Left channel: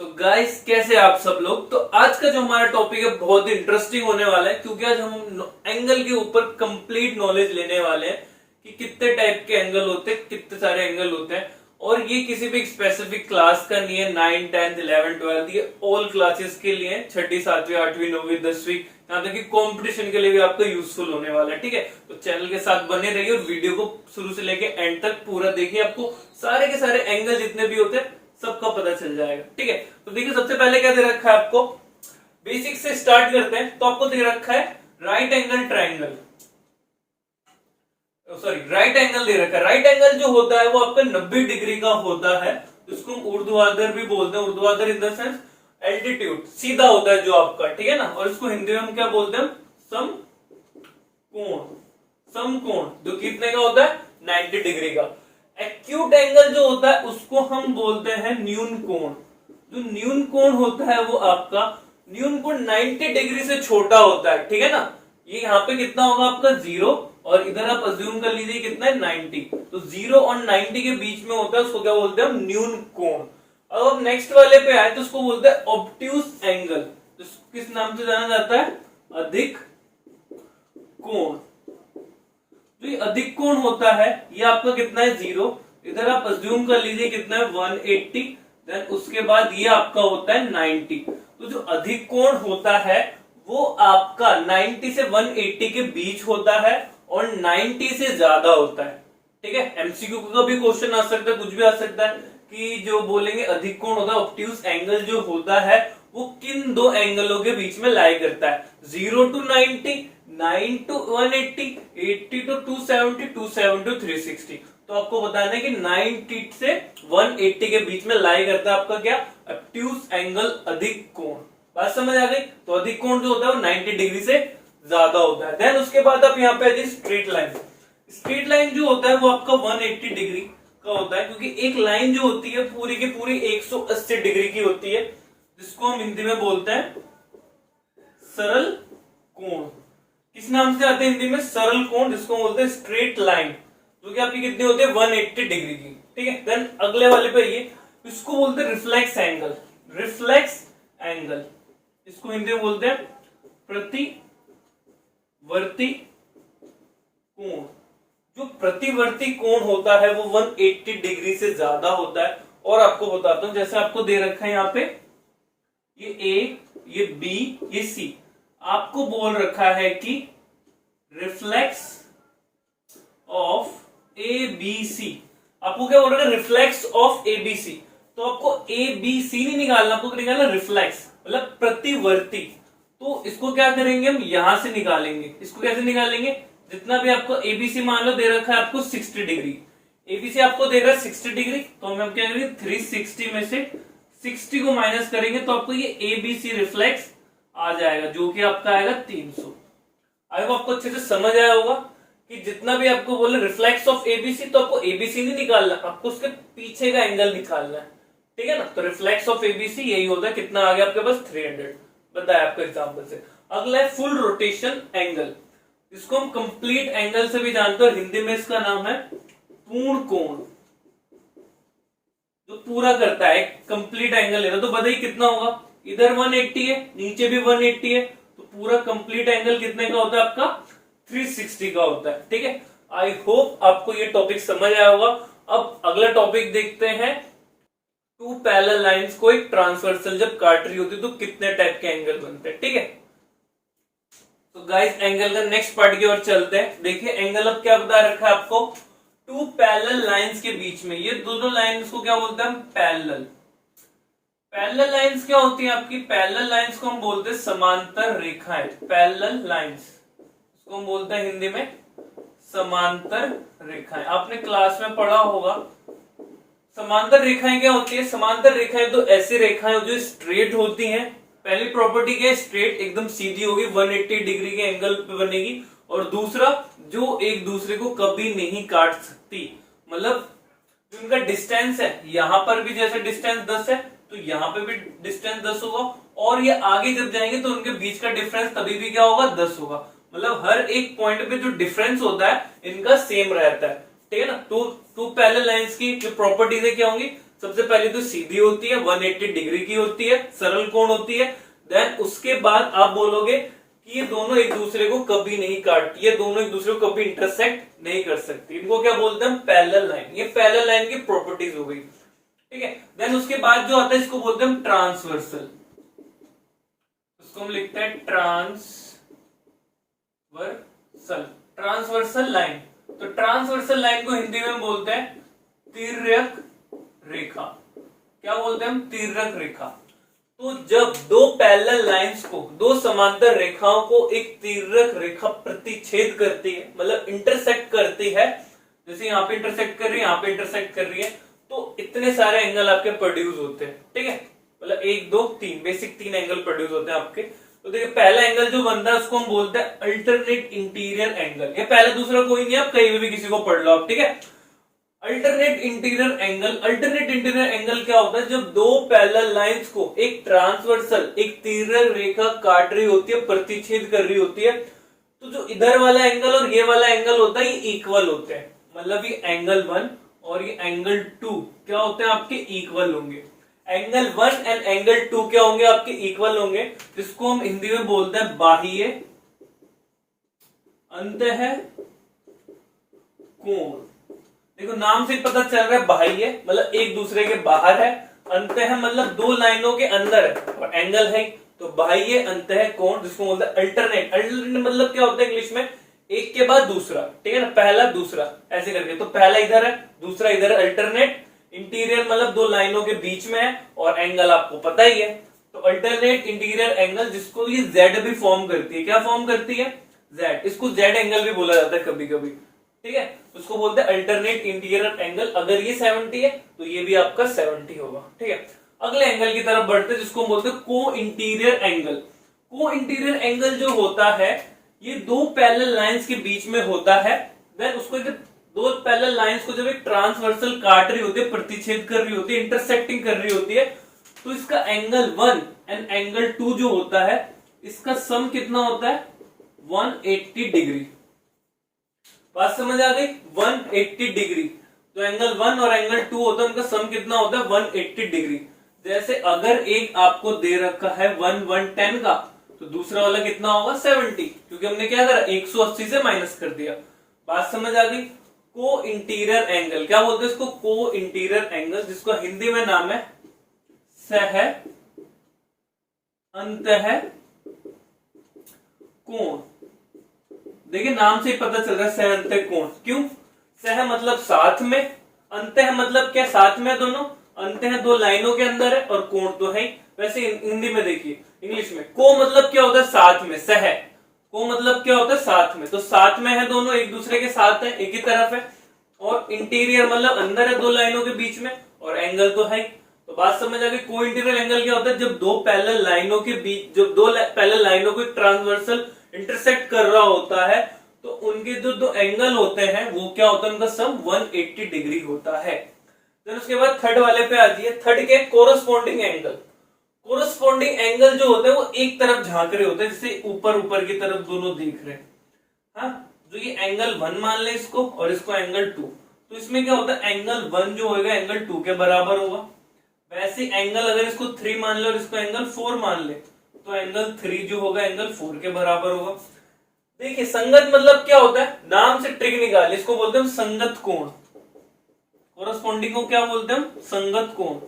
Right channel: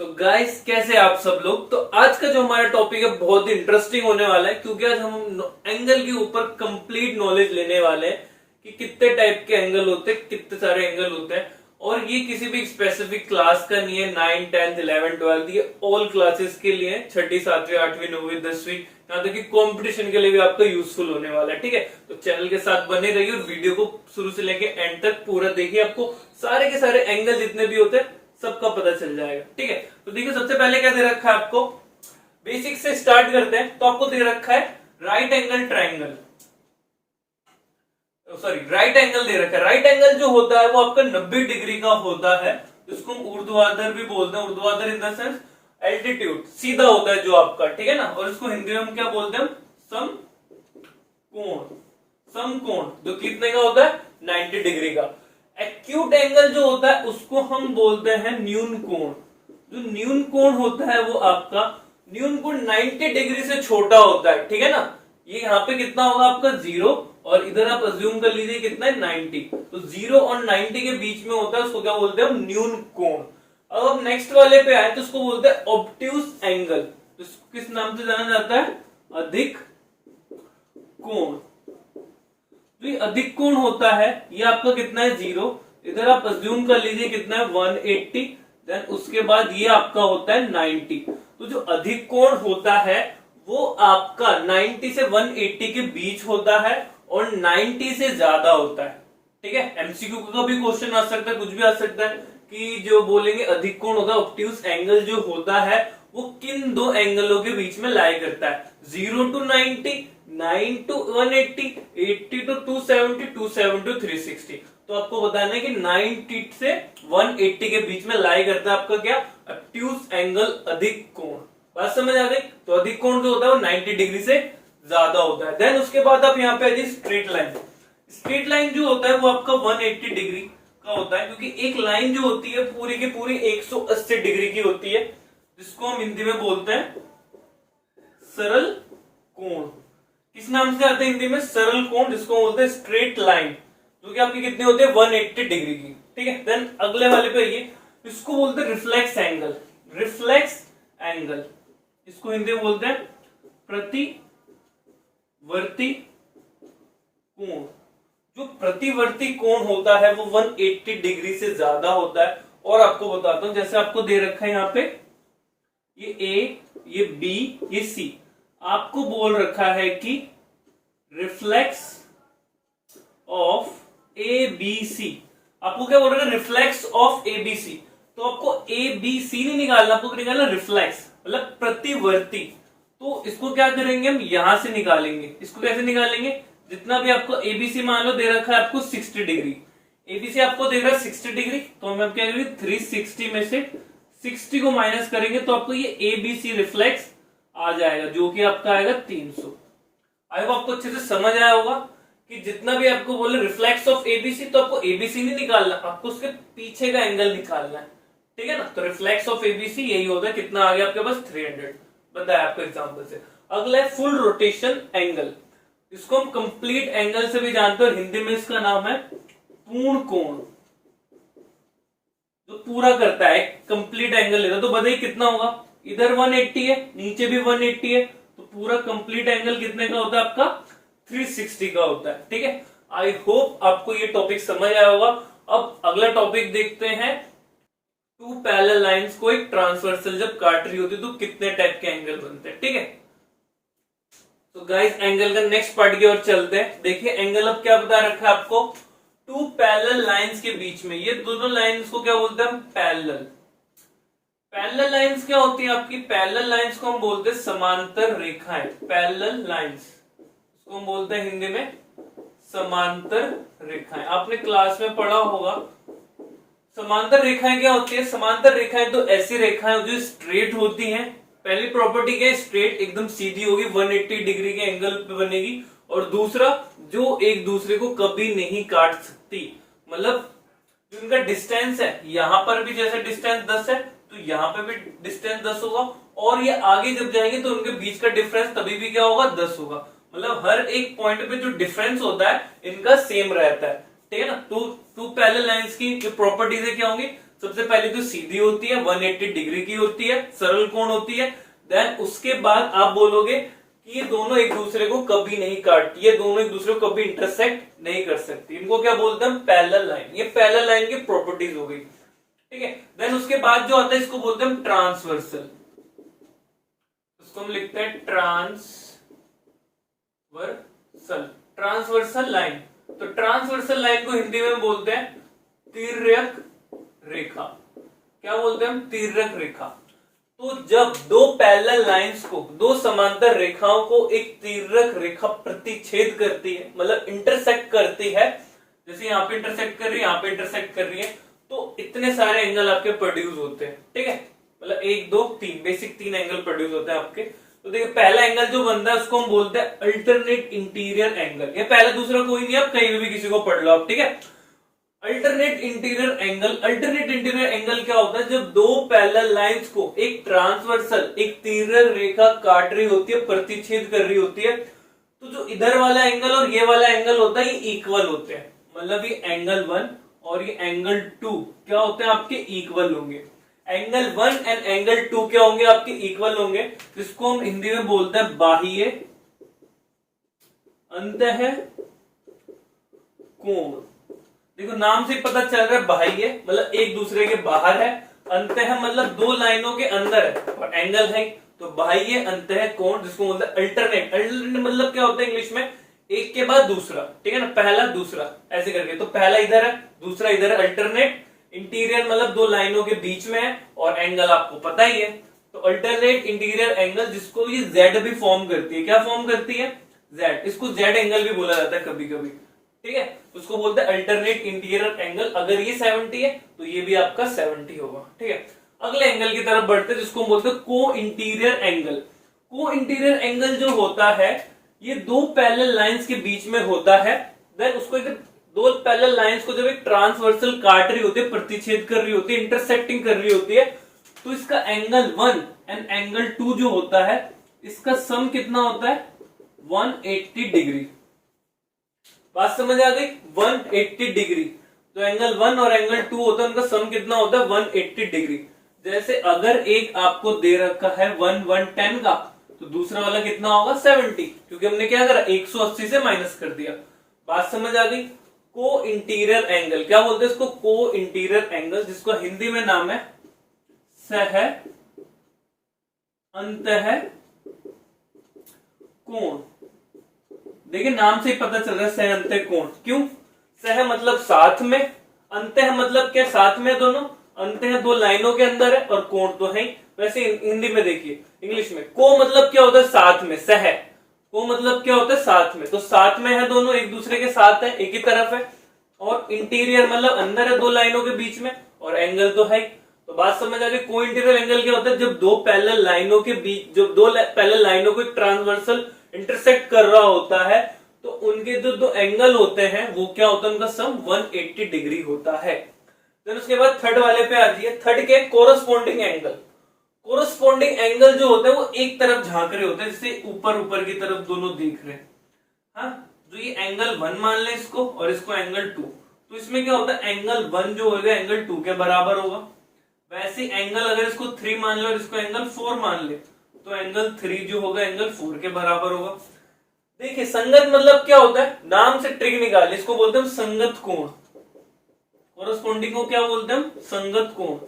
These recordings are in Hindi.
तो गाइस कैसे आप सब लोग। तो आज का जो हमारा टॉपिक है बहुत ही इंटरेस्टिंग होने वाला है, क्योंकि आज हम एंगल के ऊपर कंप्लीट नॉलेज लेने वाले हैं कि कितने टाइप के एंगल होते हैं, कितने सारे एंगल होते हैं। और ये किसी भी स्पेसिफिक क्लास का नहीं है, 9, 10, 11, 12, ये ऑल क्लासेस के लिए है, 6ठी, 7वीं, 8वीं, 9वीं, 10वीं, यहाँ तक कि कंपटीशन के लिए भी आपका यूजफुल होने वाला है। ठीक है, तो चैनल के साथ बने रहिए और वीडियो को शुरू से लेके एंड तक पूरा देखिए। आपको सारे के सारे एंगल जितने भी होते हैं सबका पता चल जाएगा। ठीक है, तो देखिए सबसे पहले क्या दे रखा है आपको, बेसिक से स्टार्ट करते हैं। तो आपको दे रखा है right angle triangle, sorry right angle दे रखा है। राइट एंगल जो होता है वो आपका 90 डिग्री का होता है, इसको हम ऊर्ध्वाधर भी बोलते हैं। ऊर्ध्वाधर इन द सेंस एल्टीट्यूड, सीधा होता है जो आपका, ठीक है ना। और इसको हिंदी में हम क्या बोलते हैं, समकोण। समकोण जो कितने का होता है, 90 डिग्री का। एक्यूट एंगल जो होता है उसको हम बोलते हैं न्यून कोण। जो न्यून कोण होता है वो आपका न्यून कोण 90 डिग्री से छोटा होता है, ठीक है ना। ये यहाँ पे कितना होगा आपका 0, और इधर आप अज्यूम कर लीजिए कितना है 90। तो 0 और 90 के बीच में होता है, उसको क्या बोलते हैं हम, न्यून कोण। अब हम नेक्स्ट वाले पे आए तो उसको बोलते हैं ऑब्ट्यूस एंगल। किस नाम से जाना जाता है, अधिक कोण। तो ये अधिक कोण होता है, ये आपका कितना है 0, इधर आप अज्यूम कर लीजिए कितना है 180, देन उसके बाद ये आपका होता है 90। तो जो अधिक कोण होता है वो आपका 90 से 180 के बीच होता है और 90 से ज्यादा होता है। ठीक है, एमसीक्यू का भी क्वेश्चन आ सकता है, कुछ भी आ सकता है कि जो बोलेंगे अधिक कोण होता है, ऑब्ट्यूस एंगल जो होता है वो किन दो एंगलों के बीच में लाई करता है, 0 to 90, 9 to 180, 80 to 270, 270 to 360। तो आपको बताना है कि 90 से 180 के बीच में लाई करता है आपका क्या, ऑब्ट्यूस एंगल, अधिक कोण। बात समझ आ गई। तो अधिक कोण जो होता है वो 90 डिग्री से ज्यादा होता है। देन उसके बाद आप यहाँ पे आ जाइए स्ट्रेट लाइन। स्ट्रेट लाइन जो होता है वो आपका 180 डिग्री का होता है, क्योंकि एक लाइन जो होती है पूरी की पूरी 180 डिग्री की होती है, जिसको हम हिंदी में बोलते हैं सरल कोण। किस नाम से आते हैं हिंदी में, सरल कोण, जिसको बोलते हैं स्ट्रेट लाइन, जो कि आपकी कितनी होती है 180 डिग्री की। ठीक है, देन अगले वाले पे आइए, इसको बोलते हैं रिफ्लेक्स एंगल। रिफ्लेक्स एंगल, इसको हिंदी में बोलते हैं प्रतिवर्ती कोण। जो प्रतिवर्ती कोण होता है वो 180 डिग्री से ज्यादा होता है। और आपको बताता हूं, जैसे आपको दे रखा है यहाँ पे ये ए, ये बी, ये सी, आपको बोल रखा है कि reflex of A B C. आपको क्या बोल रहा है, reflex of A B C. तो आपको ए बी सी नहीं निकालना, आपको निकालना रिफ्लेक्स, मतलब प्रतिवर्ती। तो इसको क्या करेंगे हम, यहां से निकालेंगे। इसको कैसे निकालेंगे, जितना भी आपको एबीसी मान लो दे रखा है आपको 60 डिग्री, एबीसी आपको दे रहा है 60 डिग्री, तो हम क्या करेंगे 360 में से 60 को माइनस करेंगे तो आपको ये एबीसी रिफ्लेक्स आ जाएगा, जो कि आपका आएगा 300। आई होप आपको अच्छे से समझ आया होगा कि जितना भी आपको बोले रिफ्लेक्स ऑफ एबीसी, तो आपको एबीसी नहीं निकालना, आपको उसके पीछे का एंगल निकालना है। ठीक है ना। तो रिफ्लेक्स ऑफ एबीसी यही होता है, कितना आ गया आपके पास 300, बताया आपको एग्जाम्पल से। अगला है फुल रोटेशन एंगल। इसको हम कंप्लीट एंगल से भी जानते हैं, हिंदी में इसका नाम है पूर्ण कोण। जो पूरा करता है, कंप्लीट एंगल लेता है। तो बताइए कितना होगा, इधर 180 है, नीचे भी 180 है, तो पूरा कंप्लीट एंगल कितने का होता है आपका 360 का होता है। ठीक है, आई होप आपको ये टॉपिक समझ आया होगा। अब अगला टॉपिक देखते हैं, टू पैरेलल लाइंस को एक ट्रांसवर्सल जब काट रही होती है तो कितने टाइप के एंगल बनते हैं। ठीक है, तो गाइस एंगल का नेक्स्ट पार्ट की ओर चलते हैं। देखिए एंगल अब क्या बता रखा है आपको, टू पैरेलल लाइंस के बीच में, ये दोनों लाइंस को क्या बोलते हैं हम, पैरेलल। पैरेलल लाइंस क्या होती है आपकी, पैरेलल लाइंस को हम बोलते हैं समांतर रेखाएं। पैरेलल लाइंस इसको हम बोलते हैं हिंदी में समांतर रेखाएं। आपने क्लास में पढ़ा होगा समांतर रेखाएं क्या होती है। समांतर रेखाएं तो ऐसी रेखाएं जो स्ट्रेट होती हैं। पहली प्रॉपर्टी क्या है, स्ट्रेट एकदम सीधी होगी, 180 डिग्री के एंगल पे बनेगी। और दूसरा, जो एक दूसरे को कभी नहीं काट सकती, मतलब जो इनका डिस्टेंस है, यहां पर भी जैसे डिस्टेंस 10 है तो यहां पे भी डिस्टेंस 10 होगा, और ये आगे जब जाएंगे तो उनके बीच का डिफरेंस तभी भी क्या होगा, 10 होगा। मतलब हर एक पॉइंट पे जो डिफरेंस होता है इनका सेम रहता है। ठीक है ना। टू पैरेलल लाइंस की जो प्रॉपर्टीज है क्या होंगी, सबसे पहले तो सीधी होती है, 180 डिग्री की होती है, सरल कोण होती है। देन उसके बाद आप बोलोगे कि ये दोनों एक दूसरे को कभी नहीं काटती, ये दोनों एक दूसरे को कभी इंटरसेक्ट नहीं कर सकती। इनको क्या बोलते हैं? Parallel line. ये पैरेलल लाइन की प्रॉपर्टीज हो गई, ठीक है। देन उसके बाद जो आता है इसको बोलते हैं ट्रांसवर्सल, इसको हम लिखते हैं ट्रांसवर्सल लाइन। तो ट्रांसवर्सल लाइन को हिंदी में बोलते हैं तिर्यक रेखा। क्या बोलते हैं हम? तिर्यक रेखा। तो जब दो पैरेलल लाइंस को, दो समांतर रेखाओं को एक तिर्यक रेखा प्रतिच्छेद करती है, मतलब इंटरसेक्ट करती है, जैसे यहाँ पे इंटरसेक्ट कर रही है, यहाँ पे इंटरसेक्ट कर रही है, तो इतने सारे एंगल आपके प्रोड्यूस होते हैं, ठीक है। मतलब 1 2 3 बेसिक 3 एंगल प्रोड्यूस होते हैं आपके। तो देखिए पहला एंगल जो बनता है उसको हम बोलते हैं अल्टरनेट इंटीरियर एंगल। ये पहला दूसरा कोई नहीं, आप कहीं भी किसी को पढ़ लो आप, ठीक है। Alternate interior angle, alternate interior angle क्या होता है? जब दो पैरेलल लाइंस को एक ट्रांसवर्सल, एक तिर्यक रेखा काट रही होती है, प्रतिच्छेद कर रही होती है, तो जो इधर वाला एंगल और ये वाला एंगल होता है ये इक्वल होते हैं। मतलब ये एंगल 1 और ये एंगल 2 क्या होते हैं? आपके इक्वल होंगे। एंगल 1 एंड एंगल 2 क्या होंगे? आपके इक्वल होंगे। इसको हम हिंदी में बोलते हैं बाह्य अंतः कोण। देखो नाम से पता चल रहा है बाह्य मतलब एक दूसरे के बाहर है, अंतः मतलब दो लाइनों के अंदर है, और एंगल है तो बाह्य अंतः कोण, जिसको बोलते हैं अल्टरनेट। अल्टरनेट मतलब क्या होता है इंग्लिश में? एक के बाद दूसरा, ठीक है ना, पहला दूसरा ऐसे करके। तो पहला इधर है, दूसरा इधर है। अल्टरनेट इंटीरियर मतलब दो लाइनों के बीच में है, और एंगल आपको पता ही है। तो अल्टरनेट इंटीरियर एंगल, जिसको ये जेड भी फॉर्म करती है। क्या फॉर्म करती है? जेड। इसको जेड एंगल भी बोला जाता है कभी कभी, ठीक है। उसको बोलते हैं अल्टरनेट इंटीरियर एंगल। अगर ये 70 है तो ये भी आपका 70 होगा, ठीक है। अगले एंगल की तरफ बढ़ते हैं, जिसको बोलते हैं को इंटीरियर एंगल। को इंटीरियर एंगल जो होता है ये दो पैरेलल लाइंस के बीच में होता है। देन उसको दो पैरेलल लाइंस को जब एक ट्रांसवर्सल काट रही होती है, प्रतिच्छेद कर रही होती है, इंटरसेक्टिंग कर रही होती है, तो इसका एंगल 1 एंड एंगल 2 जो होता है, इसका सम कितना होता है? 180 डिग्री। बात समझ आ गई? 180 डिग्री। तो एंगल 1 और एंगल 2 होता है, उनका सम कितना होता है? 180 डिग्री। जैसे अगर एक आपको दे रखा है 110 का, तो दूसरा वाला कितना होगा? 70, क्योंकि हमने क्या करा? 180 से माइनस कर दिया। बात समझ आ गई? को इंटीरियर एंगल क्या बोलते हैं इसको? को इंटीरियर एंगल, जिसको हिंदी में नाम है सह अंतः कोण। देखिए नाम से ही पता चल रहा है सह अंतः कोण। क्यों? सह मतलब साथ में, अंतः मतलब क्या? साथ में दोनों। अंतः दो लाइनों के अंदर है, और कोण तो है ही। वैसे हिंदी में देखिए, इंग्लिश में को मतलब क्या होता है? साथ में। सह को मतलब क्या होता है? साथ में। तो साथ में है दोनों, एक दूसरे के साथ है, एक ही तरफ है। और इंटीरियर मतलब अंदर है दो लाइनों के बीच में, और एंगल तो है। तो बात समझ आ गई? को इंटीरियर एंगल क्या होता है? जब दो पैरेलल लाइनों के बीच, जब दो पैरेलल लाइनों को ट्रांसवर्सल इंटरसेक्ट कर रहा होता है, तो उनके जो दो एंगल होते हैं वो क्या होता है? उनका सम 180 डिग्री होता है। देन उसके बाद थर्ड वाले पे आ जाइए। थर्ड के कोरस्पॉन्डिंग एंगल। कोरस्पॉन्डिंग एंगल जो होते हैं वो एक तरफ झांक रहे होते हैं, जैसे ऊपर ऊपर की तरफ दोनों देख रहे हैं। हाँ, जो ये एंगल 1 मान ले इसको, और इसको एंगल 2, तो इसमें क्या होता है? एंगल 1 जो होगा एंगल 2 के बराबर होगा। वैसे एंगल अगर इसको 3 मान ले और इसको एंगल 4 मान ले, तो एंगल 3 जो होगा एंगल 4 के बराबर होगा। देखिए संगत मतलब क्या होता है? नाम से ट्रिक निकाल, इसको बोलते हैं संगत कोण। कोरस्पॉन्डिंग को क्या बोलते हैं हम? संगत कोण।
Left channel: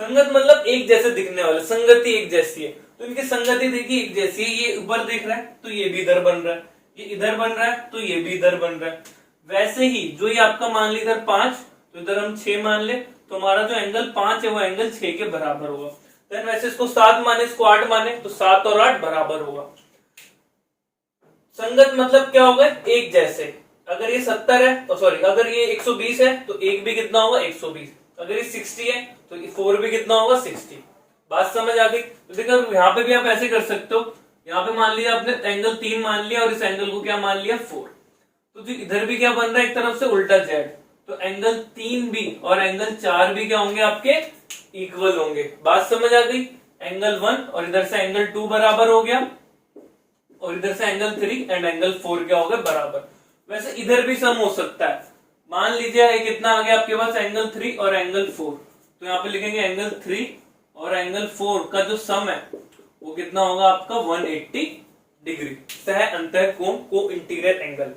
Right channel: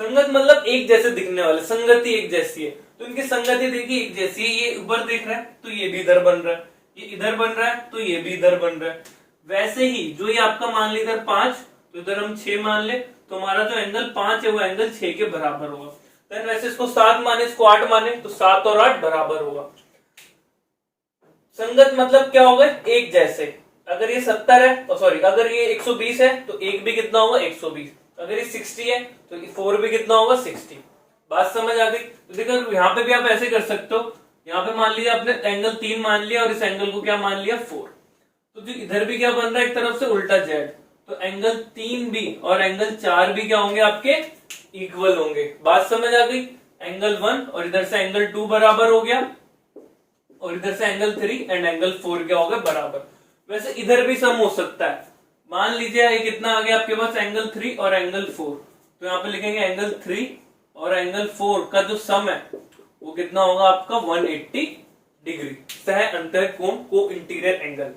संगत मतलब एक जैसे दिखने वाले, संगति एक जैसी है। तो इनकी संगति देखिए एक जैसी है। ये ऊपर देख रहा है तो ये भी इधर बन रहा है, ये इधर बन रहा है तो ये भी इधर बन रहा है। वैसे ही जो ये आपका मान ली इधर 5, तो इधर हम 6 मान ले, तो हमारा जो एंगल 5 है वो एंगल 6 के बराबर होगा। देन वैसे इसको 7 माने, इसको 8 माने, तो 7 और 8 बराबर होगा। संगत मतलब क्या होगा? एक जैसे। अगर ये 70 है तो सॉरी, अगर ये 120 है तो एक भी कितना होगा? 120। अगर ये 60 है तो 4 भी कितना होगा? 60। बात समझ आ गई? तो देखो यहाँ पे भी आप ऐसे कर सकते हो। यहाँ पे मान लिया आपने एंगल 3 मान लिया, और इस एंगल को क्या मान लिया? 4। तो जो इधर भी क्या बन रहा है? एक तरफ से उल्टा जेड। तो एंगल 3 भी और एंगल 4 भी क्या होंगे? आपके इक्वल होंगे। बात समझ आ गई? एंगल 1 और इधर से एंगल 2 बराबर हो गया, और इधर से एंगल 3 एंड एंगल 4 क्या हो गए? बराबर। वैसे इधर भी सम हो सकता है। मान लीजिए कितना आ गया आपके पास? एंगल 3 और एंगल 4। तो यहाँ पे लिखेंगे एंगल 3 और एंगल 4 का जो सम है वो कितना होगा आपका 180 डिग्री। सह अंतः कोण को इंटीरियर एंगल।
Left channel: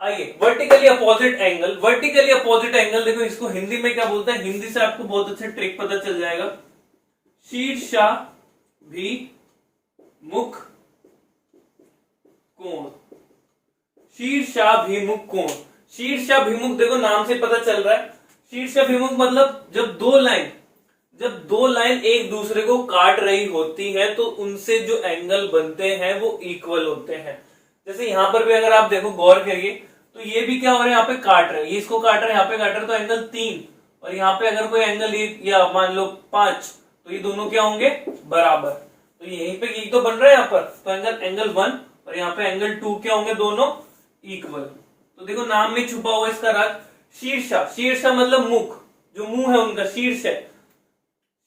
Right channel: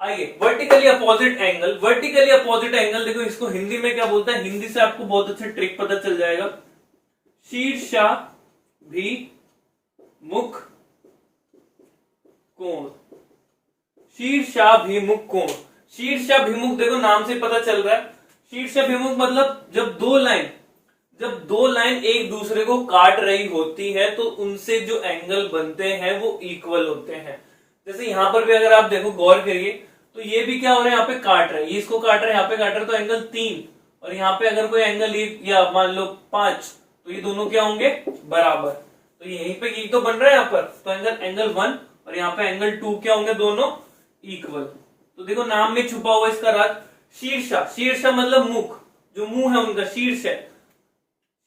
आइए vertically opposite angle. Vertically opposite angle देखो इसको हिंदी में क्या बोलते हैं, हिंदी से आपको बहुत अच्छा ट्रिक पता चल जाएगा। शीर्षाभिमुख कोण। शीर्षाभिमुख कोण। शीर्षाभिमुख देखो नाम से पता चल रहा है। शीर्षाभिमुख मतलब जब दो लाइन एक दूसरे को काट रही होती है तो उनसे जो एंगल बनते हैं वो इक्वल होते हैं। जैसे यहां पर भी अगर आप देखो गौर करिए तो ये भी क्या हो रहा है, यहाँ पे काट रहे हैं, ये इसको काट रहे हैं, यहाँ पे काट रहे हैं, तो एंगल 3 और यहाँ पे अगर कोई एंगल या मान लो 5 तो ये दोनों क्या होंगे बराबर। तो यहीं पे ये तो बन रहा है यहाँ पर, तो एंगल 1 और यहाँ पे एंगल 2 क्या होंगे, दोनों इक्वल। तो देखो नाम में छुपा हुआ इसका राज। शीर्षा, शीर्षा मतलब मुख, जो मुंह है उनका शीर्ष है।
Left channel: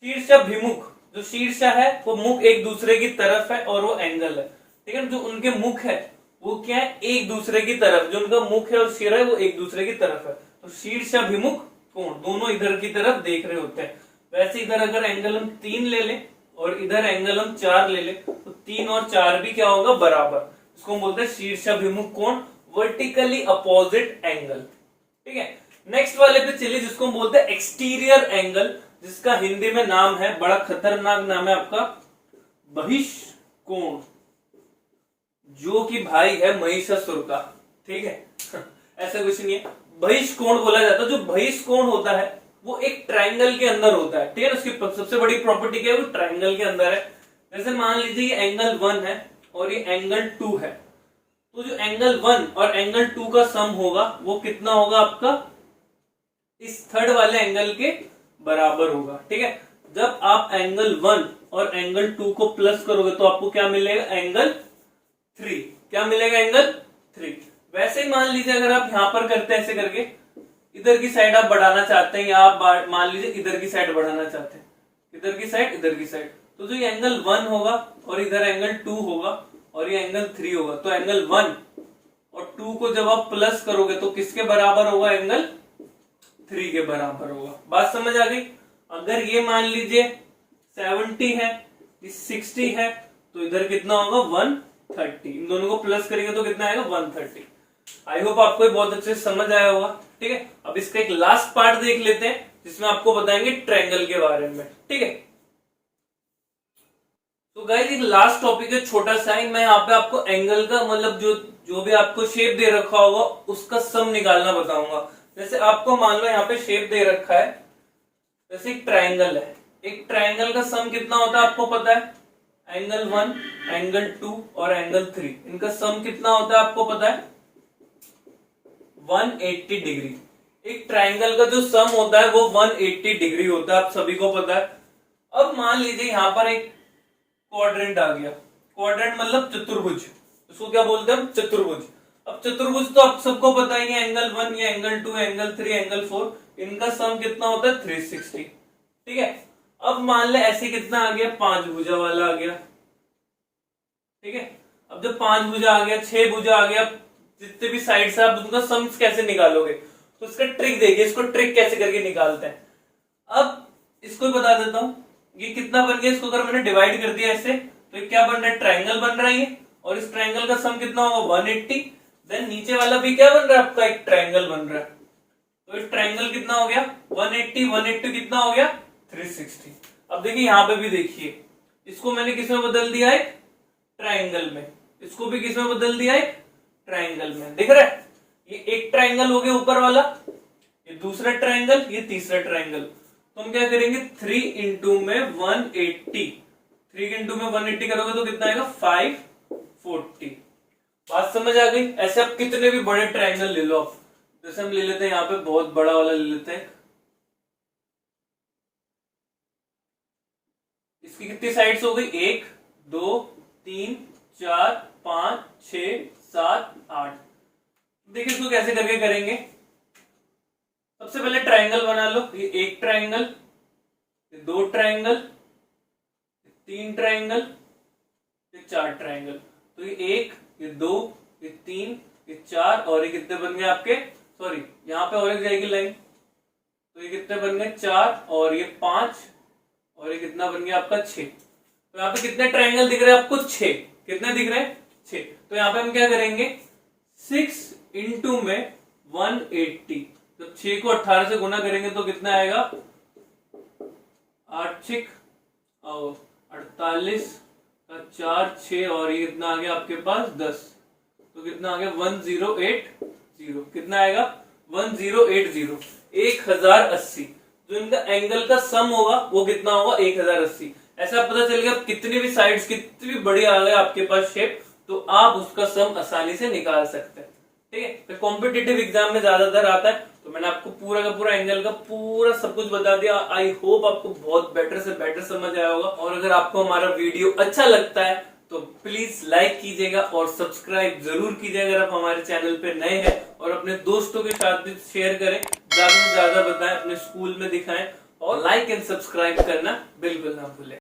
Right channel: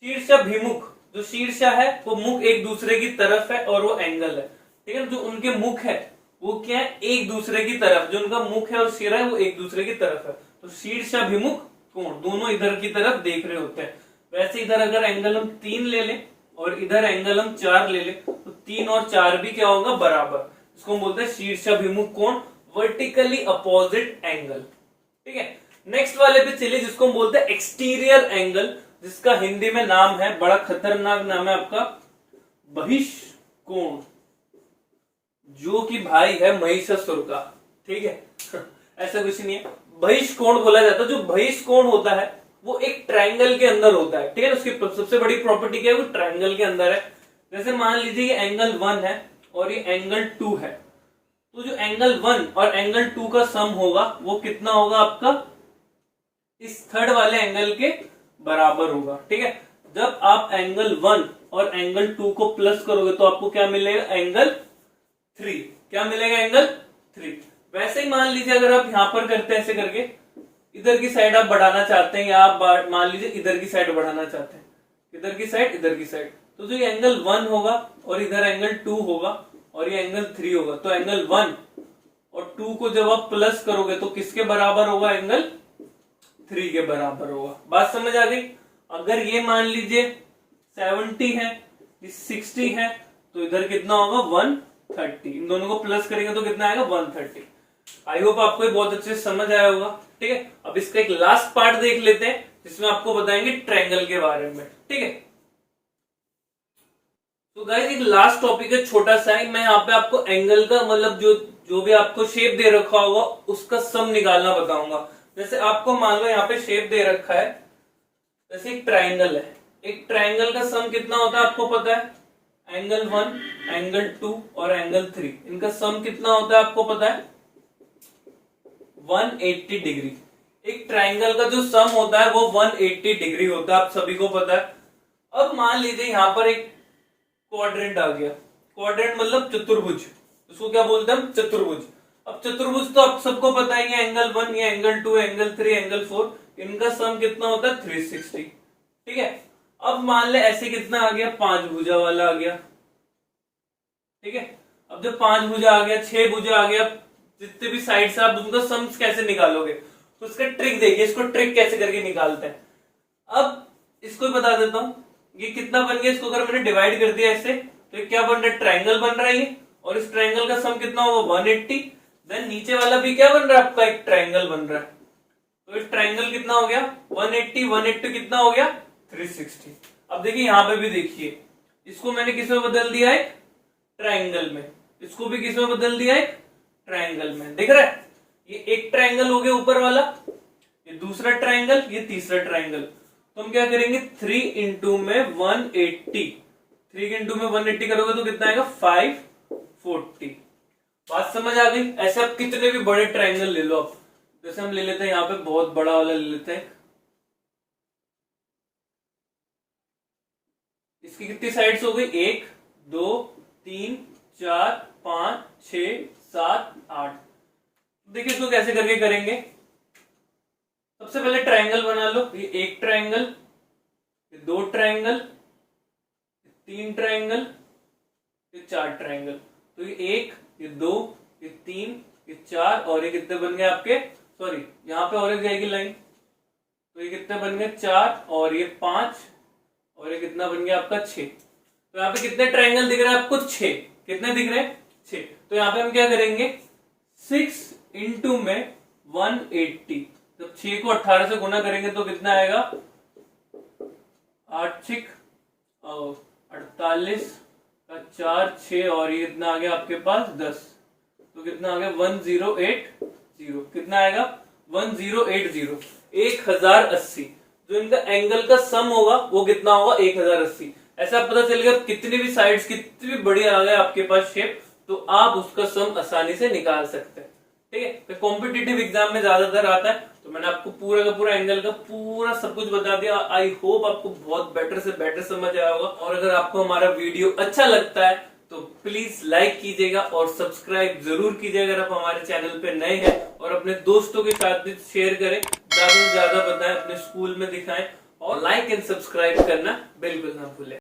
शीर्षाभिमुख, जो शीर्षा है वो मुख एक दूसरे की तरफ है और वो एंगल है, ठीक है। जो उनके मुख है वो क्या है, एक दूसरे की तरफ, जो उनका मुख है और सिर है वो एक दूसरे की तरफ है। तो शीर्षाभिमुख कोण, दोनों इधर की तरफ देख रहे होते हैं। वैसे इधर अगर एंगल हम 3 ले लें और इधर एंगल हम 4 ले लें तो 3 और 4 भी क्या होगा बराबर। इसको हम बोलते हैं शीर्षाभिमुख कोण, वर्टिकली अपोजिट एंगल, ठीक है। नेक्स्ट वाले पे चलिए जिसको हम बोलते हैं एक्सटीरियर एंगल, जिसका हिंदी में नाम है, बड़ा खतरनाक नाम है आपका, बहिष्कोण, जो कि भाई है महिषासुर का, ठीक है। ऐसा कुछ नहीं है, बहिष्कोण बोला जाता है। जो बहिष्कोण होता है वो एक ट्रायंगल के अंदर होता है, ठीक है। उसकी सबसे बड़ी प्रॉपर्टी क्या है, वो ट्रायंगल के अंदर है। जैसे मान लीजिए ये एंगल 1 है और ये एंगल 2 है, तो जो एंगल 1 और एंगल 2 का सम होगा वो कितना होगा आपका, इस थर्ड वाले एंगल के बराबर होगा, ठीक है। जब आप एंगल 1 और एंगल 2 को प्लस करोगे तो आपको क्या मिलेगा, एंगल 3। क्या मिलेगा, एंगल 3। वैसे ही मान लीजिए अगर आप यहां पर करते हैं ऐसे करके, इधर की साइड आप बढ़ाना चाहते हैं या आप मान लीजिए इधर की साइड बढ़ाना चाहते हैं, इधर की साइड इधर की साइड, तो जो ये एंगल 1 होगा और इधर एंगल 2 होगा और ये एंगल 3 होगा, तो एंगल 1 और 2 को जब आप प्लस करोगे तो किसके बराबर होगा, एंगल 3 के बराबर होगा। बात समझ आ गई। अगर ये मान लीजिए 70 है, ये 60 है, तो इधर कितना होगा 130। इन दोनों को प्लस करेंगे तो कितना आएगा 130। आई होप आपको ये बहुत अच्छे से समझ आया होगा, ठीक है। अब इसका एक लास्ट पार्ट देख लेते हैं जिसमें आपको बताएंगे ट्रायंगल के बारे में, ठीक है। तो गाइस एक लास्ट टॉपिक है छोटा सा ही, मैं यहाँ पे आपको एंगल का मतलब जो भी आपको शेप दे रखा होगा उसका सम निकालना बताऊंगा। जैसे आपको मान लो यहाँ पे शेप दे रखा है, जैसे एक ट्रायंगल है, एक ट्रायंगल का सम कितना होता है आपको पता है, एंगल 1, एंगल 2 और एंगल 3, इनका सम कितना होता है आपको पता है, 180 डिग्री। एक ट्रायंगल का जो सम होता है वो 180 डिग्री होता है, आप सभी को पता है। अब मान लीजिए यहाँ पर एक क्वाड्रेंट आ गया, क्वाड्रेंट मतलब चतुर्भुज, उसको क्या बोलते हैं हम, चतुर्भुज। अब चतुर्भुज तो आप सबको पता है, ये एंगल 1, ये एंगल 2, एंगल 3, एंगल 4, इनका सम कितना होता है 360, ठीक है। अब मान ले ऐसे कितना आ गया, 5 भुजा वाला आ गया, ठीक है। अब जब 5 भुजा आ गया, 6 भुजा आ गया, जितने भी साइड से आप उनका सम कैसे निकालोगे, तो इसका ट्रिक देखिए, इसको ट्रिक कैसे करके निकालते हैं। अब इसको बता देता हूं, ये कितना बन गया, इसको अगर मैंने डिवाइड कर दिया ऐसे तो ये क्या बन रहा है, ट्रायंगल बन रहा है ये, और इस ट्रायंगल का सम कितना होगा 180। देन नीचे वाला भी क्या बन रहा है आपका, एक ट्रायंगल बन रहा है, तो इस ट्रायंगल कितना हो गया 180, 180 कितना हो गया 360। अब देखिए यहां पे भी देखिए, इसको मैंने किस में बदल दिया, एक ट्रायंगल में, इसको भी किस में बदल दिया, एक ट्रायंगल में, दिख रहा है। ये एक ट्रायंगल हो गया ऊपर वाला, ये दूसरा ट्रायंगल, ये तीसरा ट्रायंगल। तो हम क्या करेंगे, 3 इंटू में 180, 3 इंटू में 180 करोगे तो कितना आएगा 540। बात समझ आ गई। ऐसे आप कितने भी बड़े ट्रायंगल ले लो, आप जैसे हम ले लेते हैं यहाँ पे बहुत बड़ा वाला ले लेते हैं, इसकी कितनी साइड्स हो गई, 1 2 3 4 5 6 7 8। देखिए इसको कैसे करके करेंगे। सबसे पहले ट्रायंगल बना लो, ये एक ट्रायंगल, ये 2 ट्रायंगल, 3 ट्रायंगल, ये 4 ट्रायंगल। तो ये 1, ये 2, ये 3, ये 4 और ये कितने बन गए आपके, सॉरी यहाँ पे और एक जाएगी लाइन, तो ये कितने बन गए 4 और ये 5 और ये कितना बन गया आपका 6। तो यहाँ पे कितने ट्रायंगल दिख रहे हैं आपको 6। कितने दिख रहे हैं 6। तो यहाँ पे हम क्या करेंगे 6 इंटू में 180। जब 6 को 18 से गुना करेंगे तो कितना आएगा 8 6 और 48 का 4 6 और ये कितना आ गया आपके पास 10। तो कितना आ गया 1080। कितना आएगा 1080 1080। जो इनका एंगल का सम होगा वो कितना होगा 1080। ऐसा पता चल गया कितनी भी साइड्स कितनी भी बड़ी आ गए आपके पास शेप तो आप उसका सम आसानी से निकाल सकते हैं। ठीक है, तो कॉम्पिटिटिव एग्जाम में ज्यादातर आता है। तो मैंने आपको पूरा का पूरा एंगल का पूरा सब कुछ बता दिया। आई होप आपको बहुत बेटर से बेटर समझ आया होगा। और अगर आपको हमारा वीडियो अच्छा लगता है तो प्लीज लाइक कीजिएगा और सब्सक्राइब जरूर कीजिएगा अगर आप हमारे चैनल पे नए हैं। और अपने दोस्तों के साथ भी शेयर करें, ज्यादा से ज्यादा बताएं, अपने स्कूल में दिखाएं और लाइक एंड सब्सक्राइब करना बिल्कुल ना भूलें।